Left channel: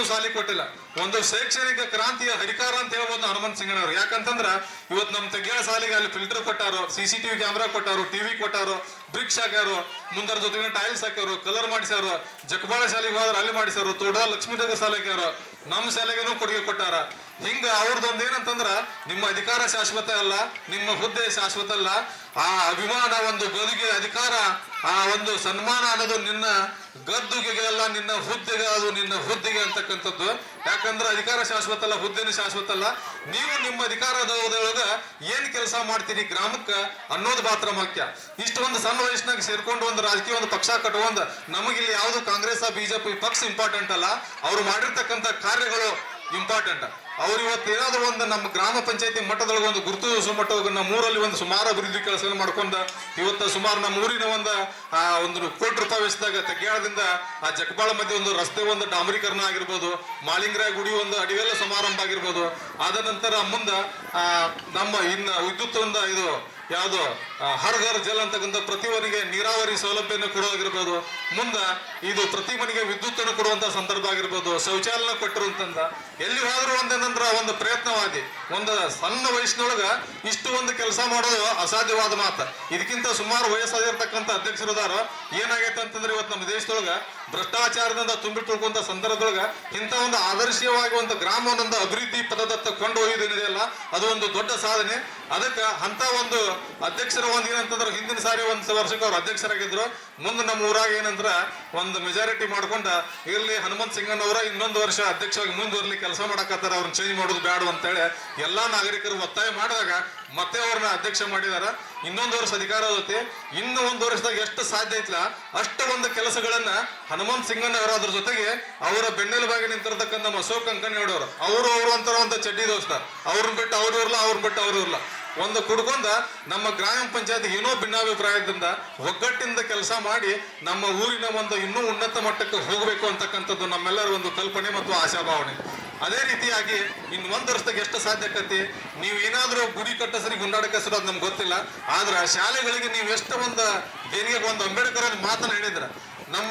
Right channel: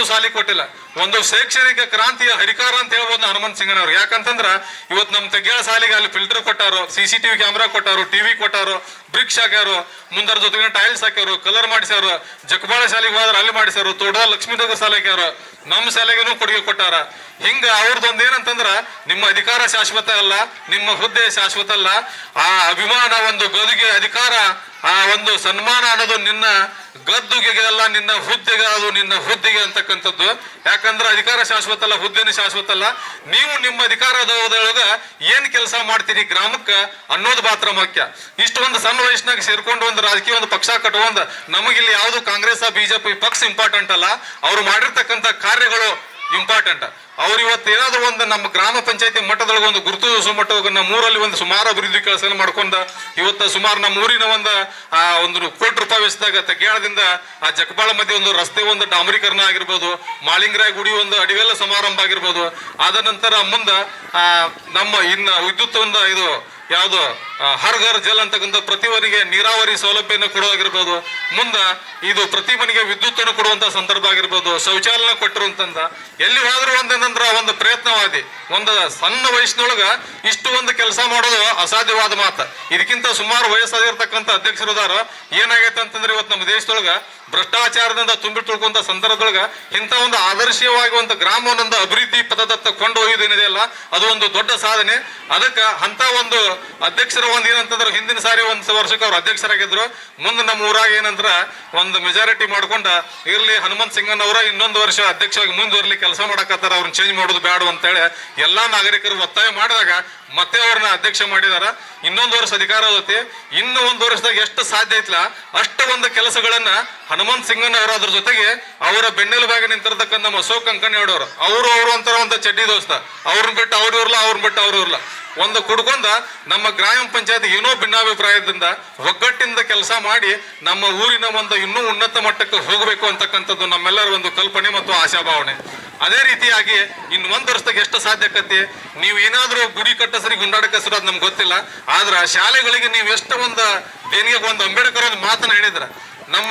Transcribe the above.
ಮಕ್ಕಳಿಗೂ ಸಾಲಿ ಕೊಟ್ಟಿಲ್ಲ. ಒಂದು ಶೈಕ್ಷಣಿಕ ಕ್ರಾಂತಿಯ ಹರಿಕಾರ ಅಂತ ಹೇಳ್ಬೋದು ಹನುಮಂತ ಸಿಂಗನವ್ರು. ಯಾಕಂತಂದ್ರ ಇವತ್ತು ನಮ್ಮ ತೆಗ್ಯಾಳ ಸಾಲಿಗೆ ಅಲ್ಲಿ ಫಿಲ್ಟರ್ ಕೊಟ್ಟಾರು, CCTV ಕ್ಯಾಮ್ರಾ ಕೊಟ್ಟಾರು, ಟಿವಿ ಕೊಟ್ಟಾರು, ಬ್ರಿಕ್ಸ್ ಹಾಕ್ಯಾರು, ಮುಂದರ ಜೊತೆಗೆ ಟೈಲ್ಸ್ ಹಾಕ್ಯಾರು, ಕಲರ್ ಮಾಡಿಸ್ಯಾರು. ಜಕಬಾಳ ಶಾಲೆಗೆ ಹೋದ್ರೆ ಅಲ್ಲಿ ಮಾಡಿಸ್ಯಾರು, ತೋಟದ ಲಕ್ಷ್ಮೀನಗರ ಶಾಲೆ ಹಾಕ್ಯಾರು, ನಮ್ಮ ಶಾಲೆಗೂ ಕೊಡುಗೆ ಕೊಟ್ಟಾರ. ಹಿಂಗ ಅವ್ರದ್ದೊಂದು ಏನಂತಂದ್ರ ನಿಮ್ಮ ಅಧಿಕಾರ ಶಾಶ್ವತ ಅಲ್ಲ, ನಿಮ್ಮ ಹುದ್ದೆ ಶಾಶ್ವತ ಅಲ್ಲ. ಆ ಅಭಿಮಾನ, ಒಂದು ಗದುಗೆ ಅಧಿಕಾರ, ಆ ಒಂದು ಸನ್ಮಾನ ಅನ್ನೋದು ನಿನ್ನ ಗದ್ದುಗೆ ಅಲ್ಲ, ನಿನ್ನ ಹುದ್ದೆಗೆ, ಅದು ನಿನ್ನ ಹುದ್ದೆಗೆ ಅಂತಕ್ಕಂಥದ್ದು. ಯಾಕಂದ್ರೆ ಅಧಿಕಾರ ಶಾಶ್ವತ ಅಲ್ಲ, ಹುದ್ದೆನೂ ಶಾಶ್ವತ ಅಲ್ಲ. ನೀವು ನಿಮ್ಮ ಅಧಿಕಾರದೊಳಗ ಏನ್ ಕೆಲಸ ಮಾಡ್ತೀರಿ ಗ್ರಾಮಕ್ಕ ಅನ್ನೋದು ಮಾತ್ರ ಮುಖ್ಯ. ಇಷ್ಟು ಒಂದು ಸಣ್ಣ ವಯಸ್ಸಿನಾಗ ಸೇರ್ಕೊಂಡು ಒಂದು ರಾಜಕೀಯ ಒಂದು ಪಕ್ಷ ಕಟ್ಟುವಂದ ನಮಗಿಲ್ಲಿ ಯಾವುದು ಕಾಂಗ್ರೆಸ್ BJP ಪಕ್ಷ ಇಂಪಾರ್ಟೆಂಟ್ ಅಲ್ಲ, ಅವ್ರು ಮಾಡಿರ್ತಕ್ಕಂಥ ಕಾರ್ಯಗಳು ಇಂಪಾರ್ಟೆಂಟ್. ಅವ್ರು ಇವತ್ತು ಏನಾದ್ರು ಒಂದು ನಮ್ಮ ಗ್ರಾಮ ಪಂಚಾಯತಿ ಮಟ್ಟದೊಳಗೆ ಒಂದು ಗುರುತು ಮಟ್ಟದಾಗ ನಮ್ಮೂರಲ್ಲಿ ಒಂದು ಸುಮಾರು ಅಭಿವೃದ್ಧಿ ಕೆಲಸ ಮಾಡ್ಕೊಂಡ ಇವತ್ತು ಸುಮಾರು ನಮ್ಮ ಊರಿನ ಒಂದು ₹1 ಕೋಟಿ ವೆಚ್ಚದಾಗ ತೆಗ್ಯಾಳದಿಂದ ಆ ಜಕಬಾಳ ಮಧ್ಯೆ ಒಂದು ರಸ್ತೆ ಒಂದು ಡಾಂಬರೀಕರಣ ಆಗಿರ್ಬೋದು, ಮಾಳಿಂಗರಾಯ ಗುಡಿ ಒಂದು ಅಡಿವೆಲ್ಲ ಸಮಾರಂಭ ಆಗಿರ್ಬೋದು. ಆದ ನಂತರ ಮುಂದೆ ನಮ್ಮ ಇನ್ನು ವಿದ್ಯುತ್ ಒಂದು ಇದು ಯಾವುದು ಹರ್ ಘರ್ ಜಲ್ ಅಂತಕ್ಕಂಥ ಪ್ರತಿ ಮನೆಗೆ ನೀರಾವರಿ ಸೌಲಭ್ಯನ ಕೊಡೋಗಿರ್ಬೋದು, ಮುಂದ ಇದು ಪ್ರತಿ ಮನೆಗೆ ವಿದ್ಯುತ್ ಅನ್ನು ಕೊಡುವಂತ ಸಂದರ್ಭ ಆಗಿರ್ಬೋದು, ಶೌಚಾಲಯ ಕೊಟ್ಟಿರುವಂತಂದ ಎಲ್ಲಿ ಹೋದ್ರೂ ಒಂದೇನಂದ್ರ ಒಂದು ಪ್ರಯತ್ನವಾದಿ. ಒಂದು ಸಣ್ಣ ವಯಸ್ಸಿನೊಳಗ ಇಷ್ಟು ಒಂದು ಕೆಲಸ ಮಾಡೋದು ಅಸಾಧ್ಯವಾದ ಮಾತು. ಇದಕ್ಕಿಂತ ಸುಮಾರು ವಯಸ್ಸಾಗಿರ್ತಕ್ಕಂಥ ಅಧ್ಯಕ್ಷರದಾರ ಏನಾಗೈತೆ ಅಂತಂದ್ರೆ ಇವತ್ತು ನಮ್ಮ ದೇಶದೊಳಗ ಭ್ರಷ್ಟಾಚಾರದಿಂದ ತುಂಬಿ ತುಳ್ಕೊಂತ ಸಂದರ್ಭದೊಳಗ ಇಂಥ ಒಂದು ಆದರ್ಶವಾಗಿ ಒಂದು ಗ್ರಾಮವನ್ನೊಂದು ಅಭಿವೃದ್ಧಿ ಪದದತ್ತ ಕೊಂಡೊಯ್ಯುವುದೇನಿದೆಯಲ್ಲ ಅದು ಒಂದು ದೊಡ್ಡ ಸಾಧನೆ. ಅದಕ್ಕೆ ಅಂತ ಒಂದು ಅಧ್ಯಕ್ಷರ ಒಂದು ಏನಂತಂದ್ರೆ ಹಿಂದಿನ ಸಾರಿ ಒಂದು ವರ್ಷಕ್ಕೆ ಅವ್ರು ಅಧ್ಯಕ್ಷರಾಗಿದ್ರು. ಮುಂದೆ ನಮ್ಮ ಊರಾಗ ಏನಂದ್ರ ಒಂದು ಮೆಜಾರಿಟಿ ಮಾಡ್ಕೊಂಡ ಇರ್ಲಿ ಹನುಮಂತ ಸಿಂಗನವರ ಇನ್ನೊಂದು ವರ್ಷ ಅಧ್ಯಕ್ಷರಾಗಿ ಮುಂದುವರ್ಲಿ ಕೆಲಸ ಮಾಡಕತ್ತಾರ, ಅವ್ರನ್ನ ಚೇಂಜ್ ಮಾಡೋದು ಬೇಡ ಅಂತೇಳಿ ಎಲ್ಲಾ ನಾಗರಿಕರು ಒತ್ತಾಯ ಮಾಡಿದಾಗ ಮತ್ತೆ ಅವ್ರನ್ನ ಅಧ್ಯಕ್ಷ ಮಾಡಿದಾರ. ಇನ್ನೊಂದು ವರ್ಷ ಅಧಿಕಾರ ಹೋಗುತ್ತೆ. ಇನ್ನು ಒಂದು ವರ್ಷದಾಗ ಎಷ್ಟು ಸಾಧ್ಯ ಐತ್ಲ ಅಷ್ಟು ಒಂದು ಕೆಲಸಗಳನ್ನ ಹನುಮಂತ ಸಿಂಗನವರು ಅದ್ರ ಜೊತೆಗೆ ಅವರ ಬೆನ್ನೆಲುಬಾಗಿ ನಿಂತಿರ್ತಕ್ಕಂಥ ನಮ್ಮ ಅಶೋಕ್ ಕಂಕಣಿಯವರು ಅವರು ಅಂತಾರ ಒಂದು ಚಡ್ಡಿ ದೋಸ್ತ, ಅವ್ರನ್ನ ಬಿಟ್ಟು ಅವ್ರು ಇರ್ಲ, ಅವ್ರನ್ನ ಬಿಟ್ಟು ಅವ್ರು ಇರ್ಲ, ಒಂದು ಕುಡ್ಕೊಂಡ ನಮ್ಮ ಗ್ರಾಮ ಪಂಚಾಯತ್ ಏನೋ ಭಿನ್ನಾಭಿಪ್ರಾಯದಿಂದ ಒಗ್ಗಟ್ಟಿಂದ ಕೆಲಸ ಮಾಡಿ ನಮ್ಮ ಊರಿನ ಒಂದು ಇನ್ನೂ ಉನ್ನತ ಮಟ್ಟಕ್ಕೆ ಹೋಗಬೇಕು ಅಂತಕ್ಕಂಥದ್ದು ನಮ್ಮೆಲ್ಲರ ಒಂದು ಕಲ್ಪನೆ ಮತ್ತು ಆಶಾಭಾವನೆ. ಅದೇ ರೀತಿಯಾಗಿ ಇನ್ನು ಒಂದು ವರ್ಷದಾಗ ಎಷ್ಟು ಸಾಧ್ಯಕತಿ. ನೀವು ಏನಾದ್ರೂ ಗುಡಿ ಕಟ್ಟಸರಿ ಗುಂಡಾಡಕ ಹೆಸರು ಅದು ನಮ್ಗೆ ಗೊತ್ತಿಲ್ಲ, ಆದ್ರ ಶಾಲೆಗಳಿಗೆ ನೀವು ಎಷ್ಟು ಒಂದು ದೇಣಿಗೆ ಒಂದು ಅಂಬೇಡ್ಕರ್ ಒಂದು ಮಾತನ್ನ ಹೇಳಿದ್ರ ನಮ್ಮ